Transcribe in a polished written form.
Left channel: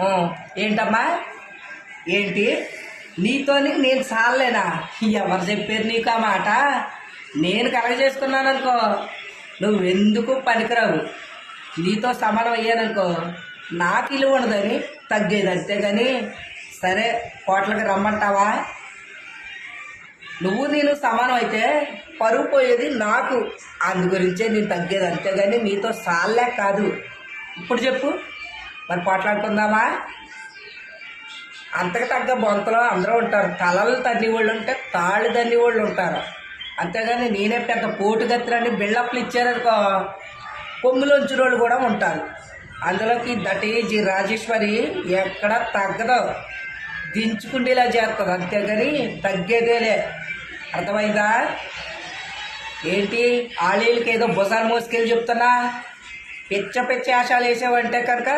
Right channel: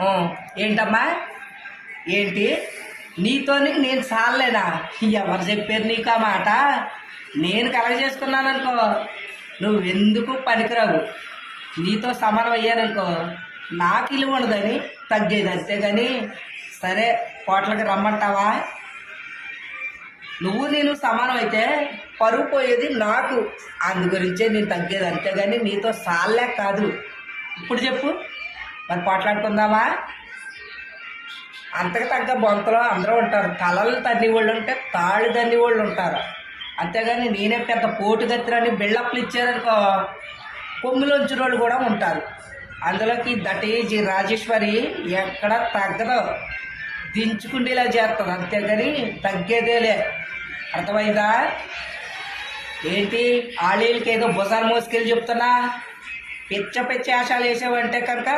ఆ, ఏంటమ్మా? ఏంటి? నీతోని నేను చాలేనా? ఎవరు చెప్పారు నీకు ఆ మాట? నేను కలగ చేసుకున్నాను అనుకో, నువ్వెందుకు పనికిరావు. నీతో సమానం అయ్యాననుకో, నాకు ఇలువ ఉండదని తగ్గేది, అంతేగాని సరే కోట్లకి రమ్మంటావా? నువ్వు నేను సమానం అయితే పరువు పోయేది నాకు, అందు గురించే నేను తగ్గేది, అంతేగాని నీతో సాల్లే కాదు. ఇప్పుడు చెప్పు, మరి పోట్లాడుకుందామా? అంతకు తగ్గ బొంతలో అందరూ ఉంటారు. తలలు తన్ని వాళ్ళు ఉంటే తాళ్ళు తన్ని వాళ్ళు ఉంటారు, అంతేగాని నేనే పెద్ద పోటుగత్తిరని బిల్డప్లు ఇచ్చారనుకో, కొమ్ములోంచిన వాళ్ళు కూడా ఉంటారు. అందులోకి దట్ ఈజ్ రాజేశ్వరి ఎక్కడ తగ్గదు, దించుకుండేలా చేస్తుంది, అంతేగాని తగ్గేదేలే. అర్థమైందా? ఏంటి ఆళ్ళకి ఏదో భుజాలు మోసుకెళ్ళి చెప్తున్నా? పిచ్చ పిచ్చ ఆశాలు వేసావంటే కనుక